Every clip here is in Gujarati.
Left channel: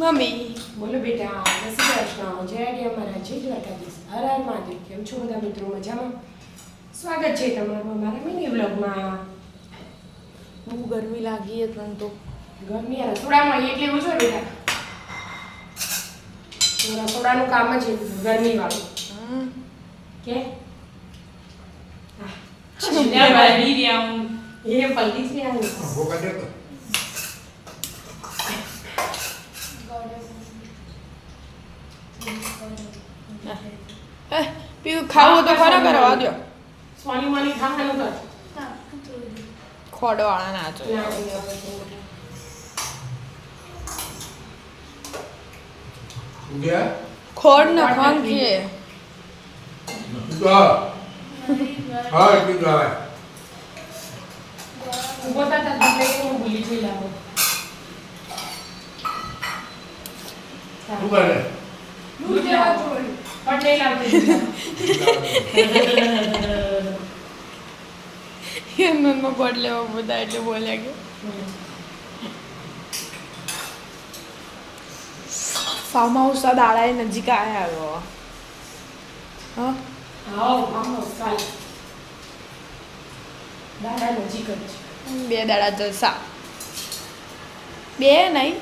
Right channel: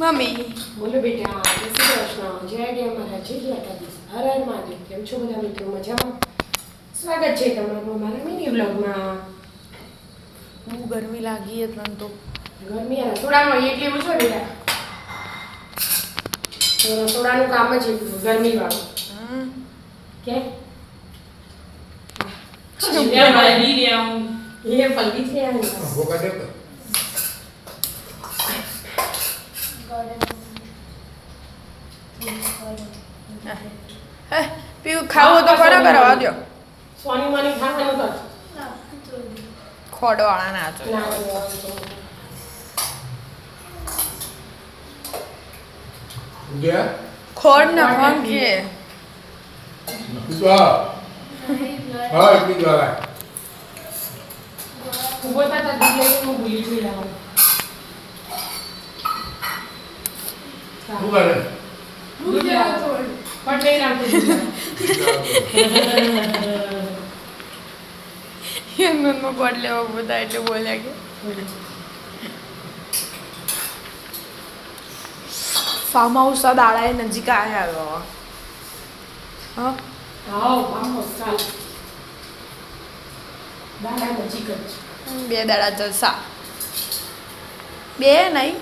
મમ્મી બોલો બેટા, જય શ્રી કૃષ્ણ, જય ગયા મારા જય દ્વારકાધીશ, હર હર મહાદેવ. કેમ છો બધા મિત્રો? મજામાં? સ્વાગત છે તમારું મારા મિની બ્લોગમાં. બહુ ગરમી લાગી પણ તો ગરમી આ રસોડામાં એટલે એવું છે બેટા, તો રસોડાનું કામ જ એટલું ગરમીવાળું. કે એ પલટી છે પીવું ખાવું તો ખરા કરો વાગ્યો સોની માની ખાવાનું કર. ખોડવાળા ના જો ખોડ ને ફંકે ઉભો થતા દૂધ લઈને હું ભૂલી જઈ લાવું. દૂધ લેવા છોડ પટ લઈને આવતી એમનો ગોળ લેવા બધા એટલે બોલ્યા કે ફાર્મ હાઉસ આ દાડા નજીક આવ્યા હા કાલ દાદા નજીક જ છે. 2 દાડા જલસા 2 નહીં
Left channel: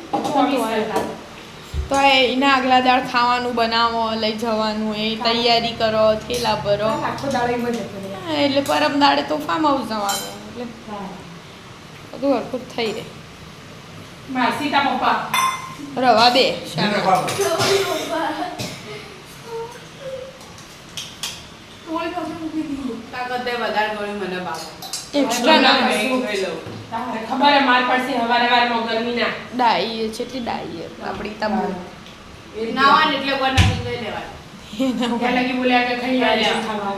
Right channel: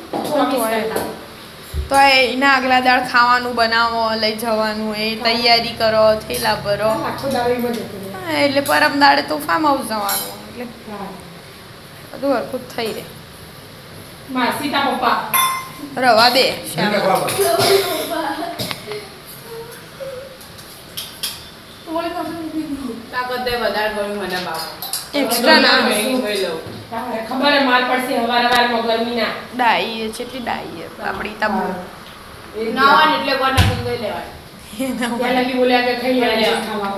તો એના આગલા દાળ ખાવાનું બનાવો લઈ જવાનું એ તૈયારી કરો થેલા ભરો આખો દાડો જતો રહે. હા, એટલે પરમ દાડે તો ફાર્મ હાઉસ જવાનું એટલે બધું હરખું જ થઈ રહે. સીતા પપ્પા રવા દે એક્સ્ટ્રા ના તમારે ખબર હે માર પડશે હવારમાં ગરમીના ડાઈ છે એટલી ડાઈ આપણી તમો નાવાને એટલે કોના લઈ લેવાય ત્યાં લગી બોલ્યા કે ખાઈ આવ્યા ખાવા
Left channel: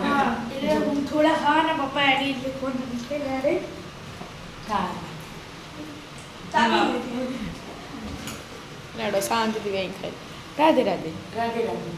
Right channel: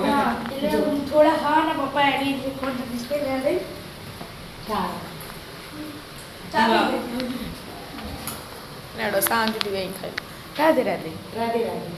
એટલે થોડા ખાવાના પપ્પા એની જે કોના બિસ્કિટ લે લે લાડો શાંતિથી બેન ખાઈ રાધે રાધે રાધે રાધે.